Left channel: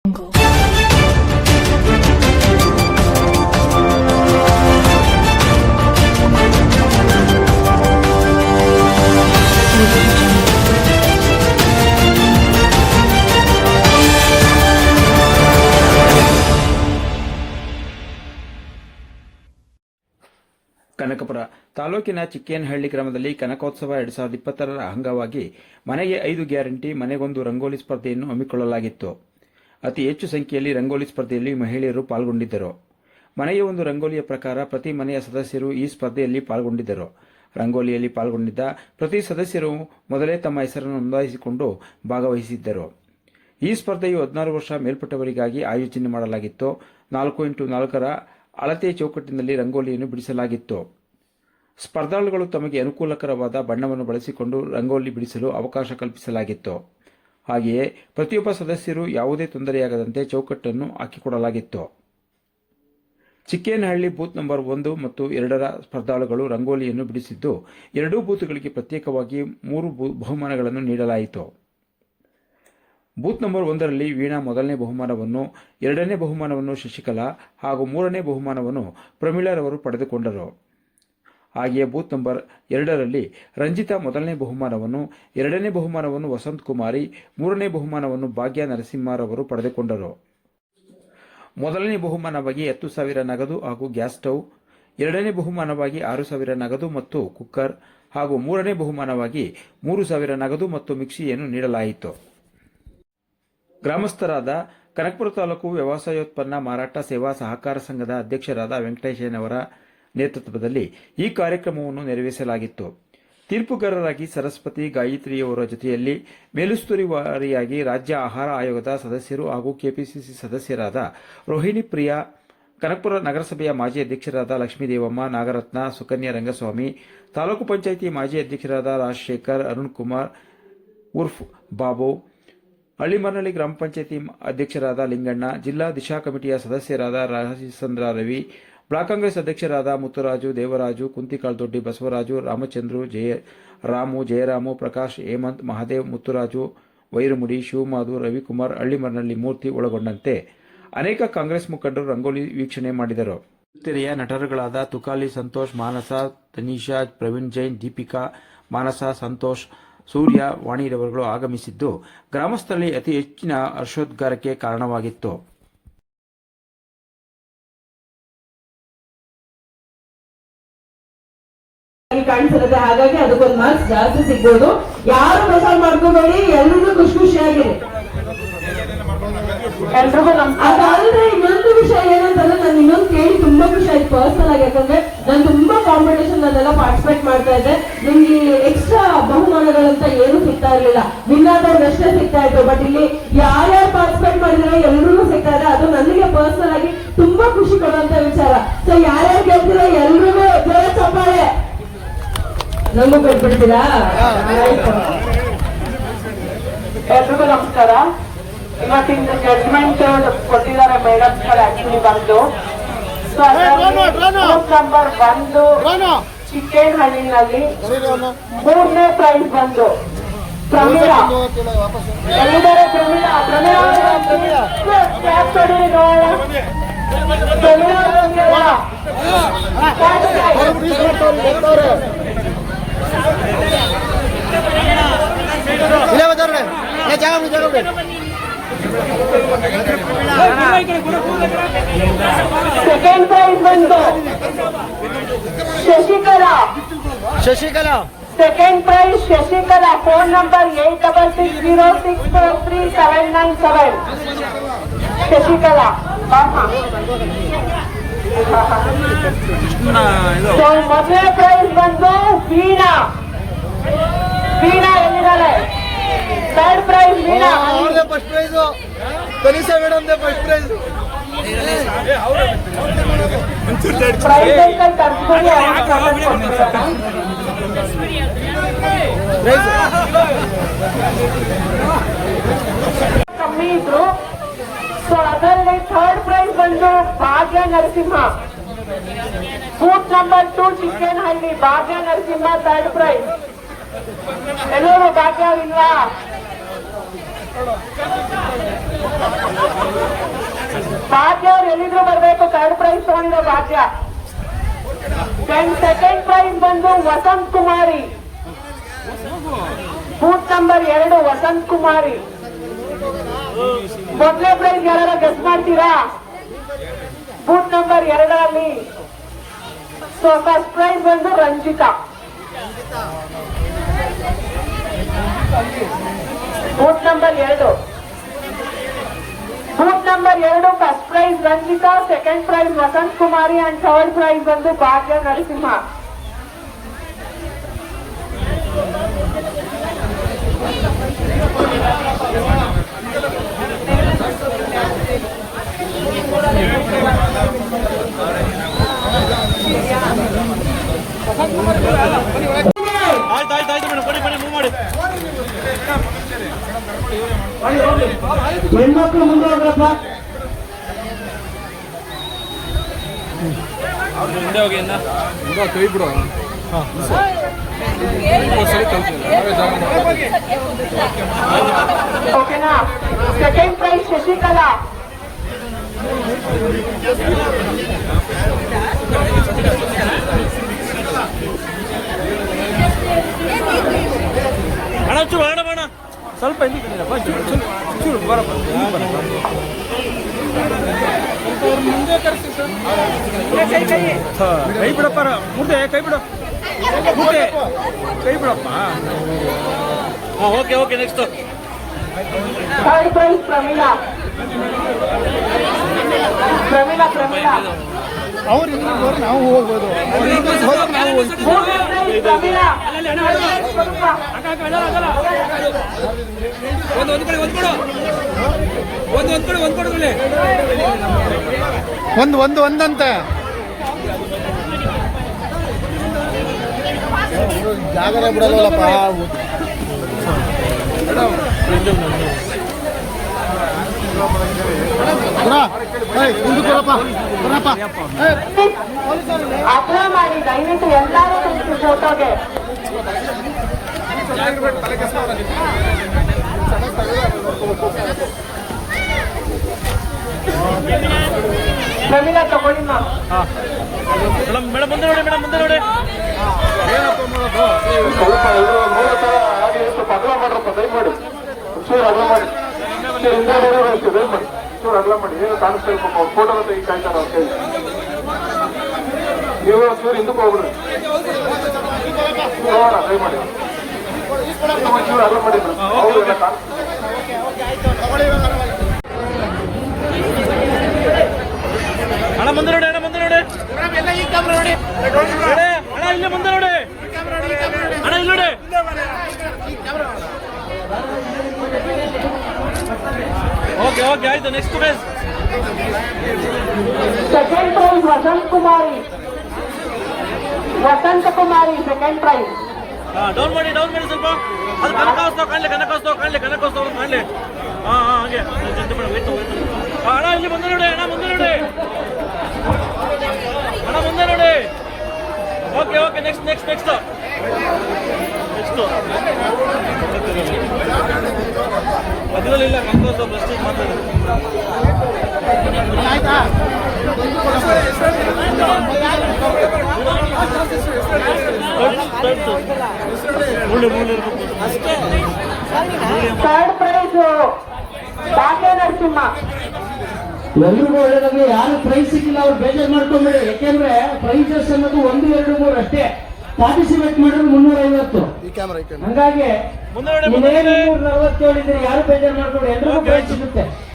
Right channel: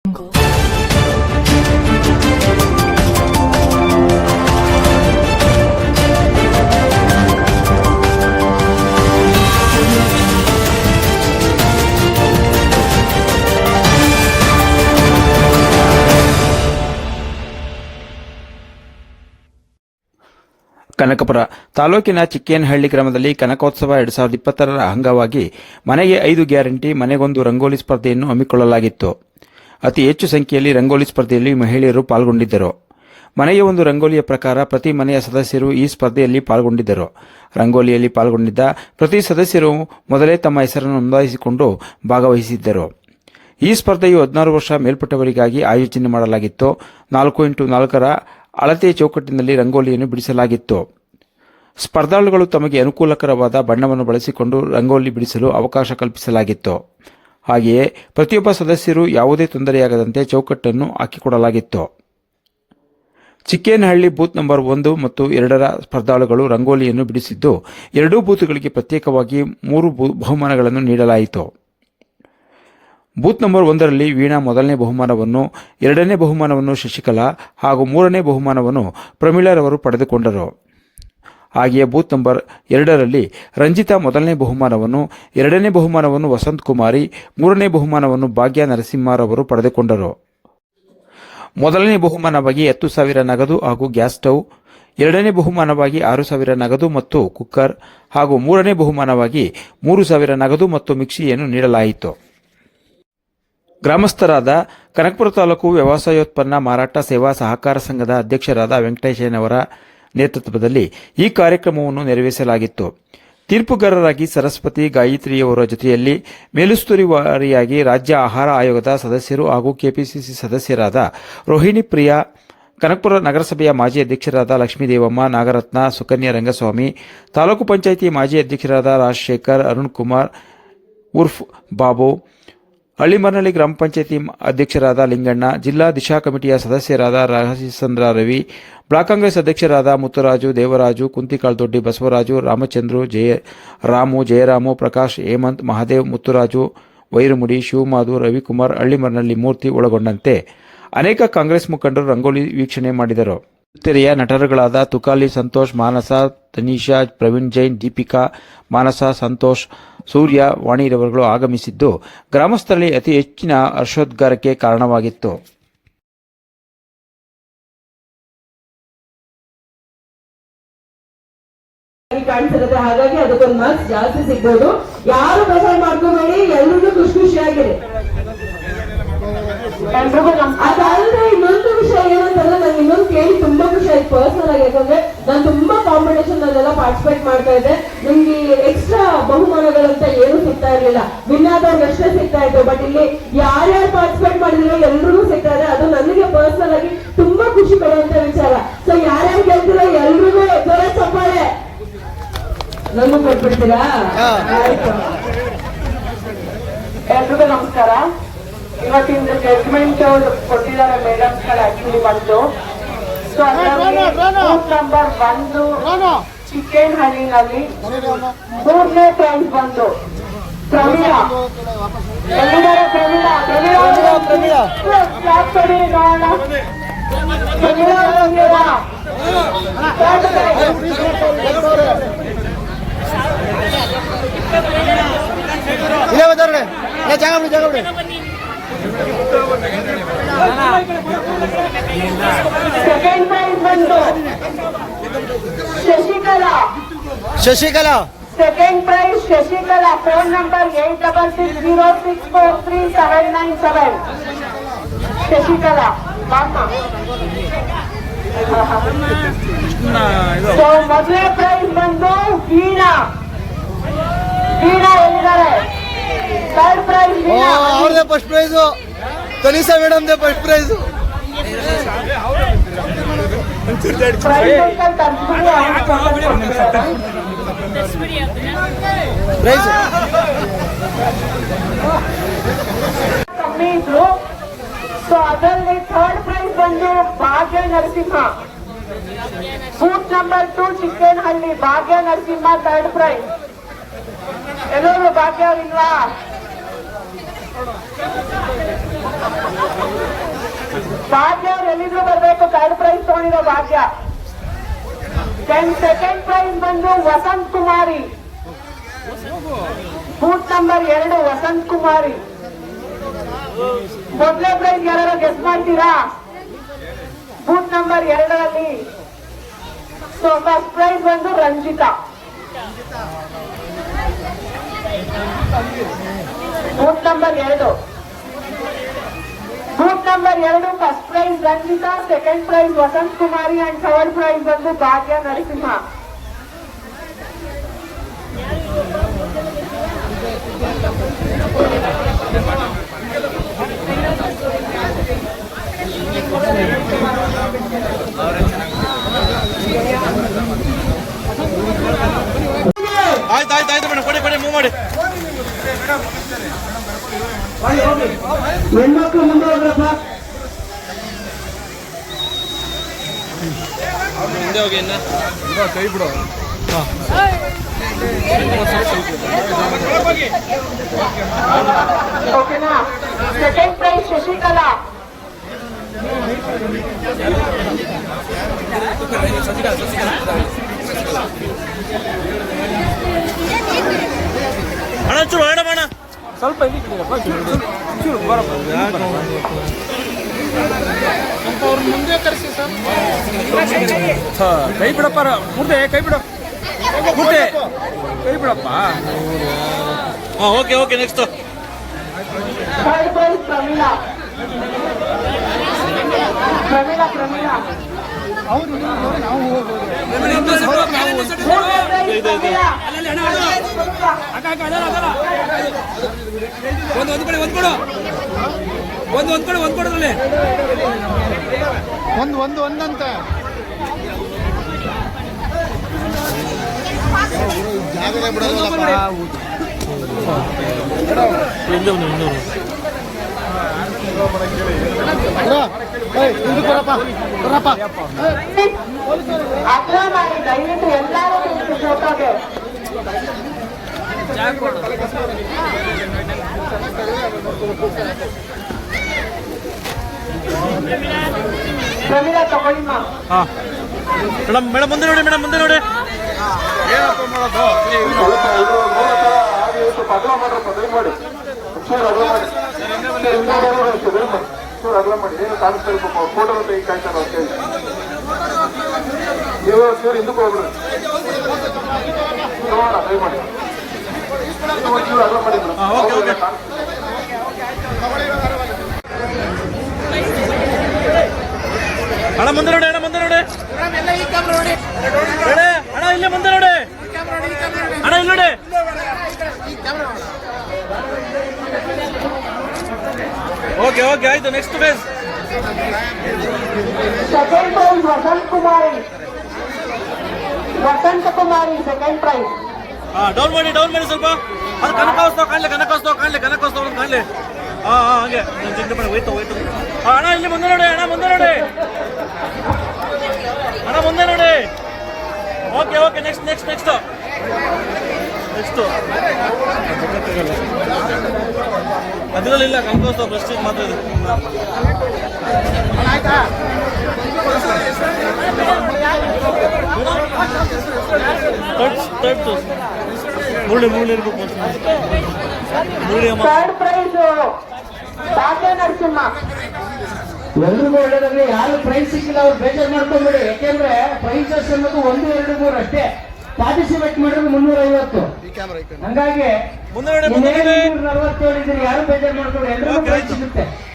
ಕನಕಪುರ ತಾಲೂಕಿನ ಚಿಕ್ಕೇನಹಳ್ಳಿ ಗ್ರಾಮದಲ್ಲಿ ಕನಕೋತ್ಸವ 2020ರ ಅಂಗವಾಗಿ ಮನೆಗೆ 5 ಗ್ಯಾರಂಟಿ ಮನೆಗೊಂದು ರಂಗೋಲಿ ಸ್ಪರ್ಧೆಯನ್ನು ಹಮ್ಮಿಕೊಳ್ಳಲಾಗಿತ್ತು. ಅತಿ ಹೆಚ್ಚು ಸಂಖ್ಯೆಯಲ್ಲಿ ರಂಗೋಲಿ ಸ್ಪರ್ಧೆಯಲ್ಲಿ ಮಹಿಳೆಯರು ಪಾಲ್ಗೊಂಡಿದ್ದರು. ಮನೆಗೆ ಒಂದು ರಂಗೋಲಿಯ ಪ್ರಕಾರ ಪ್ರತಿ ಮನೆಯ ಸದಸ್ಯರು ಈ ಸ್ಪರ್ಧೆಯಲ್ಲಿ ಪಾಲ್ಗೊಂಡಿದ್ದರು. ರಂಗೋಲಿಯಲ್ಲಿ ಪಾಲ್ಗೊಂಡಿದ್ದ ಪ್ರತಿ ಸದಸ್ಯರು ಮೊದಲೇ ತಮ್ಮ ಹೆಸರನ್ನು ನೋಂದಾಯಿಸಿಕೊಂಡು ಭಾಗವಹಿಸಿದ್ದರು. ಈ ಸ್ಪರ್ಧೆಯು 16 ವರ್ಷ ಮೇಲ್ಪಟ್ಟವರಿಗಾಗಿ ಆಯೋಜನೆ ಮಾಡಲಾಗಿತ್ತು. 4x4ರ ಅಳತೆ ಚೌಕಟ್ಟಿನಲ್ಲಿ ರಂಗೋಲಿಯನ್ನು ಬಿಡಿಸಲಾಗಿತ್ತು. ಸ್ಪರ್ಧಾಳುಗಳು ತಮಗೆ ಅನುಕೂಲಕರವಾದ ಬಣ್ಣವನ್ನು ಬಳಸಿಕೊಂಡು ರಂಗೋಲಿ ಬಿಡಿಸಲು ಅವಕಾಶ ಕಲ್ಪಿಸಲಾಗಿತ್ತು. ಹಾಗೆಯೇ ಪ್ರತಿಯೊಬ್ಬ ಸದಸ್ಯರು ಯಾವುದೇ ತೊಂದರೆಯಾಗದಂತೆ ಚೌಕಟ್ಟನ್ನು ಹಾಕಿಕೊಡಲಾಗಿತ್ತು. ಚಿಕ್ಕೇನಹಳ್ಳಿ ಬೂತ್ ನಂಬರ್ 1 ಮತ್ತು 2ರ ಸ್ಪರ್ಧಾಳುಗಳು ರಂಗೋಲಿಯನ್ನು ಬಿಡಿಸಿದ್ದು, ಎರಡೂ ಬೂತ್ಗಳಿಗೆ ಪ್ರತ್ಯೇಕವಾಗಿ 3 ಬಹುಮಾನಗಳನ್ನು ನೀಡಲಾಯಿತು. ಬೂತ್ ನಂಬರ್ 1ರಲ್ಲಿ ವೀಣಾ ಮೊದಲನೇ ಬಹುಮಾನವನ್ನು, 2ನೇ ಬಹುಮಾನವನ್ನು ಶಶಿಕಲಾ ಹಾಗೂ 3ನೇ ಬಹುಮಾನವನ್ನು ಪ್ರಮೀಳರವರು ಪಡೆದುಕೊಂಡರು. ಹಾಗೆಯೇ ಬೂತ್ ನಂಬರ್ 2ರಲ್ಲಿ ರಂಜಿತಾ ಮೊದಲನೇ ಬಹುಮಾನವನ್ನು, 2ನೇ ಬಹುಮಾನವನ್ನು ವಸಂತ್ ಕುಮಾರಿ, 3ನೇ ಬಹುಮಾನವನ್ನು ಭಾಗ್ಯ ನರಸಿಂಹರವರು ಪಡೆದುಕೊಂಡರು. ಮೊದಲನೇ ಬಹುಮಾನವಾಗಿ 10,000 ನಗದು ಹಾಗೂ ಗ್ಯಾಸ್ ಸ್ಟವ್, 2ನೇ ಬಹುಮಾನವಾಗಿ 6,000 ನಗದು ಮತ್ತು ಕುಕ್ಕರ್ ಹಾಗೂ 3ನೇ ಬಹುಮಾನವಾಗಿ 3,000 ನಗದು ಮತ್ತು ಮಿಕ್ಸಿಯನ್ನು ನೀಡಲಾಯಿತು. ಗ್ರಾಮಸ್ಥರಾದ ಕನಕಪುರ ತಾಲೂಕು ವ್ಯವಸಾಯೋತ್ಪನ್ನ ಮಾರಾಟ ಸೇವಾ ಸಹಕಾರ ಸಂಘದ ಅಧ್ಯಕ್ಷರಾದ ವೆಂಕಟೇಶಯ್ಯನವರ ನೇತೃತ್ವದಲ್ಲಿ ಈ ಕಾರ್ಯಕ್ರಮವನ್ನು ನೆರವೇರಿಸಲಾಗಿತ್ತು. ತೀರ್ಪುಗಾರರಾಗಿ ಸರಸ್ವತಿ ಗಾಯತ್ರಿಯವರ ಜೊತೆಯಲ್ಲಿ ಮೇಲುಸ್ತುವಾರಿಯಾಗಿ ರಾಜ್ಯ ಆಹಾರ ಆಯೋಗದ ಸದಸ್ಯರು ಹಾಗೂ ಕೆಪಿಸಿಸಿ ಸದಸ್ಯರಾದ ರೋಹಿಣಿ ಪ್ರಿಯಾ, ಕನಕಪುರ ನಗರಸಭೆಯ ಮಾಜಿ ಅಧ್ಯಕ್ಷರಾದ ಲಕ್ಷ್ಮೀದೇವಮ್ಮ, ನಾಗರತ್ನ, ಸುಕನ್ಯಾ ರಂಗಸ್ವಾಮಿ, ತಾಲೂಕು ಪಂಚಾಯಿತಿ ಮಾಜಿ ಅಧ್ಯಕ್ಷರಾದ ರಾಜಶೇಖರ್, ಅರುಣ್ ಕುಮಾರ್ ಉರ್ಫ್ ಬಾಬು, ಹಳ್ಳಿಮರನಹಳ್ಳಿ ಗ್ರಾಮ ಪಂಚಾಯಿತಿ ಅಧ್ಯಕ್ಷರಾದ ಲಿಂಗಣ್ಣ, ಜಿಲ್ಲಾ ದಿಶಾ ಕಮಿಟಿಯ ಸದಸ್ಯರಾದ ರಾಜಚಂದ್ರ ರವಿ, ಬ್ಲಾಕ್ ಕಾಂಗ್ರೆಸ್ ಅಧ್ಯಕ್ಷರಾದ ಮುತ್ತುರಾಜು, ದೇವರಾಜು, ಕುಂತಿಕಾಳ್ದೊಡ್ಡಿ, ಬಸವರಾಜು, ರಾಮಚಂದ್ರು, ಜಯರಾಮು, ಪ್ರಕಾಶ್, ಹೇಮಂತ್, ಮಹಾದೇವ್, ಮುತ್ತುರಾಜು, ವೈರಮುಡಿ, ಶಿವಮಾಧು, ರವಿಕುಮಾರ್, ಹಳ್ಳಿಮರನಹಳ್ಳಿ ಮೂರ್ತಿ ಒಳಗೊಂಡಂತೆ ಅನೇಕ ಕಾಂಗ್ರೆಸ್ ಮುಖಂಡರು ರಂಗೋಲಿ ವೀಕ್ಷಣೆ ಮಾಡಿದರು. ತೆರೆಯ ನಟರುಗಳಾದ ತುಕಾಲಿ ಸಂತೋಷ್, ಮಾನಸ, ತನಿಷಾ, ಪ್ರವೀಣ್ ಜೈನ್, ದೀಪಿಕಾ, ಮಾನಸ, ಸಂತೋಷ್, ಸೂರ್ಯ, ವಾಣಿರವರುಗಳು ಆಗಮಿಸಿದ್ದು ಗ್ರಾಮಸ್ಥರಲ್ಲಿ ಅತಿ ಹೆಚ್ಚಿನ ಹರ್ಷೋದ್ಗಾರಕ್ಕೆ ಕಾರಣವಾಗಿತ್ತು. ಕಾಣಿಸಿರುತ್ತೆ, ಹಾಗಾಗಿ ಅದಕ್ಕೊಂದು ಮಾರ್ಕ್ಸ್ ಜಾಸ್ತಿ ಸಿಗ್ಬೋದು. ಯಾರು ಬೇಜಾರು ಮಾಡ್ಕೋಬೇಡಿ, ಎಲ್ರಿಗೂ ಖುಷಿ ಖುಷಿಯಾಗಿದೆ. ಅದಾದ್ರೆ ಇನ್ನೊಂದು ವಿಷಯ ಏನಂತಂದ್ರೆ, ನನ್ಗೆ ಇನ್ನೊಂದು ಕೇಳಿ ತುಂಬಾ ಖುಷಿ ಆಯ್ತು ಪರ್ಸನಲ್ ಆಗಿ. ಯಾಕಂದ್ರೆ ನಾನು ತುಂಬಾ ಕಾಂಪಿಟೇಷನ್ ಅಲ್ಲೆಲ್ಲ ಪಾರ್ಟಿಸಿಪೇಟ್ ಮಾಡ್ತಾ ಇದ್ದೆ. ನಿಮ್ಗೆ ಎಕ್ಸ್ಟ್ರಾ ಬಹುಮಾನಗಳಂತ ಏನು ಸಿಗ್ತಾ ಇರ್ಲಿಲ್ಲ, ವಿನ್ನಾದವ್ರಿಗೆ ಅಷ್ಟೇ ಸಿಗ್ತಾ ಇತ್ತು. ಬಟ್ ಇಲ್ಲಿ ಯಾರ್ಯಾರು ಪಾರ್ಟಿಸಿಪೇಟ್ ಮಾಡಿದ್ರೆ ಎಲ್ರಿಗೂ ಸಿಗ್ತಾ ಇದೆ. ಅದು ನನಗೆ ಪರ್ಸನಲ್ ಆಗಿ ತುಂಬಾ ಖುಷಿ ಕೊಡುವಂತ ವಿಚಾರ. ಸೊ ಯಾರ್ಯಾರು ಗೆಲ್ತಿರೋ ಎಲ್ರಿಗೂ ಜೋರ ಚಪ್ಪಾಳೆ ನಮಗೂ ಕೊಟ್ಬಿಡ್ತೀರಾ? ಎಲ್ರಿಗೂ ನಮಸ್ಕಾರ. ಇವತ್ತಿಂದ ಜಡ್ಜ್ಮೆಂಟ್ ಕೊಟ್ಟಿದ್ದಾರೆ ಮೇಡಮ್ಸ್ ಗಳು ಆಕ್ಚುಲಿ ಬಂದು. ಸೊ ಬೂತ್ ನಂಬರ್ 1 ಚಿಕ್ಕೇನಹಳ್ಳಿನಲ್ಲಿ 3ನೇ ಪ್ರೈಸ್ ಬಂದು ಪ್ರಮೀಳಾ. ಎಲ್ಲಿದ್ದಾರೆ ಪ್ರಮೀಳಾ? ಕ್ಲಾಸ್ ಕೊಡಿರಿ ನೋಡೋಣ. ಪ್ರಮೀಳಾ ಸೆಕೆಂಡ್ ಪ್ರೈಸ್ ಬಂದು Shashikala. Second prize Shashikala. Phone number 8660643797. Shashikala. ಮೊದಲನೇ ಪ್ರೈಸ್ ಬಂದು ವೀಣಾ. ಎಲ್ಲಿದ್ದಾರೆ? Third prize Veena. First prize Tanisha madam first prize. ಕಮ್ಮಿ ಇದ್ರು. ಸೊ ಅದರಲ್ಲಿ ಥರ್ಡ್ ಪ್ರೈಸ್ ಬಂದು ಭಾಗ್ಯ ನರಸಿಂಹ. ಬೂತ್ ನಂಬರ್ 2 ಚಿಕ್ಕೇನಹಳ್ಳಿ ಭಾಗ್ಯ ನರಸಿಂಹ ಥರ್ಡ್ ಪ್ರೈಸ್. ಎಲ್ಲರೂ ಭಾಗ್ಯವಿಲ್ವಾ? ಭಾಗ್ಯ ಅವ್ರು ಎಲ್ಲಿದ್ರು ಬರ್ಬೇಕು, ಥರ್ಡ್ ಪ್ರೈಸ್ ತಗೊಂಡಿರೋ ಭಾಗ್ಯ. ಸೆಕೆಂಡ್ ಪ್ರೈಸ್ ಬಂದು ವಸಂತ್ ಕುಮಾರಿ, ಬೂತ್ ನಂಬರ್ 2 ವಸಂತ್ ಕುಮಾರಿ. ಮೊದಲನೇ ಪ್ರೈಸ್ ಯಾರು ಗೆಸ್ ಮಾಡ್ತೀರಾ? Booth number 2 so first prize ಬಂದು Ranjitha, booth number 2. Booth number 2 first prize Ranjitha, second prize Vasanth Kumari and third prize ಬಂದು ಭಾಗ್ಯ ನರಸಿಂಹ. ಆಯ್ತು ಮೇಡಮ್, ಕೊಡಿ ಮೂವ್ ಮಾಡಿ. ಹೆಣ್ಮಕ್ಳು ಮುಂದೆ ಹೋಗ್ರಪ್ಪ. ಮುಂದೆ ಹೋಗಿ ಕೈ ಬಿಡು. ಓಕೆನಾ? ಸೆಕೆಂಡ್ ಪ್ರೈಸ್ ಶಶಿಕಲಾ, ಅಣ್ಣ ಚೂರು ಅಣ್ಣ ಸ್ವಲ್ಪ ಇಲ್ಲಿ ಕಡಿಯಪ್ಪ, ಚೂರು ಬರಪ್ಪ. ಕೈ ಬಿಡಪ್ಪ ಮುರ್ದೆ, ಕೈ ಬಿಡು ಮುರ್ದೆ, ಕೈ ಬಿಡಪ್ಪ. Okay next. Third prize Pramila. ನಾವು ಹೋಗ್ಬೋದು. ಒಂದಂತೆ ಜಾಗದ ಬಿಡಲ್ಲಪ್ಪ. ಅಪ್ಲೈ ಮಾಡಿ ದಯವಿಟ್ಟು ಎಲ್ಲರೂ ಫೋಟೋಗೆ. ಪ್ರಮೀಳಾ ತಗೊಳ್ಳಿ ಮೇಡಮ್ ಮುಂದೆ ನೋಡಿ ಏನಪ್ಪ ಮಾಡೋದು. ನೀವು ಹಿಂದಕ್ಕೆ ಹೋಗ್ಬಿಡ್ರಿ. ಅಣ್ಣ ಮುಂದೆ ನೋಡಿ, ಅಣ್ಣ ಇಲ್ಲೇ ಮುಂದೆ ನೋಡಿ, ಅಣ್ಣ ಇಲ್ಲಿ ನೋಡಿ. ಓಕೆ ಆಯ್ತು. ನೆಕ್ಸ್ಟ್ ಪ್ರೈಸ್ ಸೆಕೆಂಡ್ ಪ್ರೈಸ್ ವಸಂತ ಕುಮಾರಿ ಸೆಕೆಂಡ್ ಪ್ರೈಸ್. ಡೌನ್ ಮಾಡಿ ಸ್ವಲ್ಪ. ಅದು ಕನಕೋತ್ಸವ ಕಾಣಲಿ. ಹಾಗೆ ಹೋಯ್ತು. ಅಣ್ಣ ಇಲ್ಲಿ ಮುಂದೆ ನೋಡಿ, ಅಣ್ಣ ಮುಂದೆ ನೋಡಿ. Okay next. ಅದರಲ್ಲಿಲ್ಲ ಕನಕೋತ್ಸವ ಪ್ರೆಸ್ಟೀಜ್ ಮಾತಾಡೋದು. Third prize Bhagya Narasimha. ಎಲ್ರಿಗೂ ಒಳ್ಳೆಯದಾದ್ರೆ ಯಾರು ಪ್ರೈಸ್ ಸಿಕ್ಕಿಲ್ಲ ಅವ್ರು ಬೇಜಾರು ಮಾಡ್ಕೊಂಡ್ಬಿಡಿ. ಯಾಕೆಂದ್ರೆ ಪ್ರೈಸಸ್ ಅನ್ನೋದು 1, 2, 3 ಅಷ್ಟೇ. ಪಾರ್ಟಿಸಿಪೇಟ್ ಮಾಡಿದ್ರೆ 350. ಹಂಗಾಗಿ 247 ಇದ್ರೆ ಯಾರು ಬೇಜಾರು ಮಾಡ್ಕೊಂಡು ಎಲ್ರಿಗೂ ಪ್ರೈಸ್ ಸಿಗುತ್ತೆ.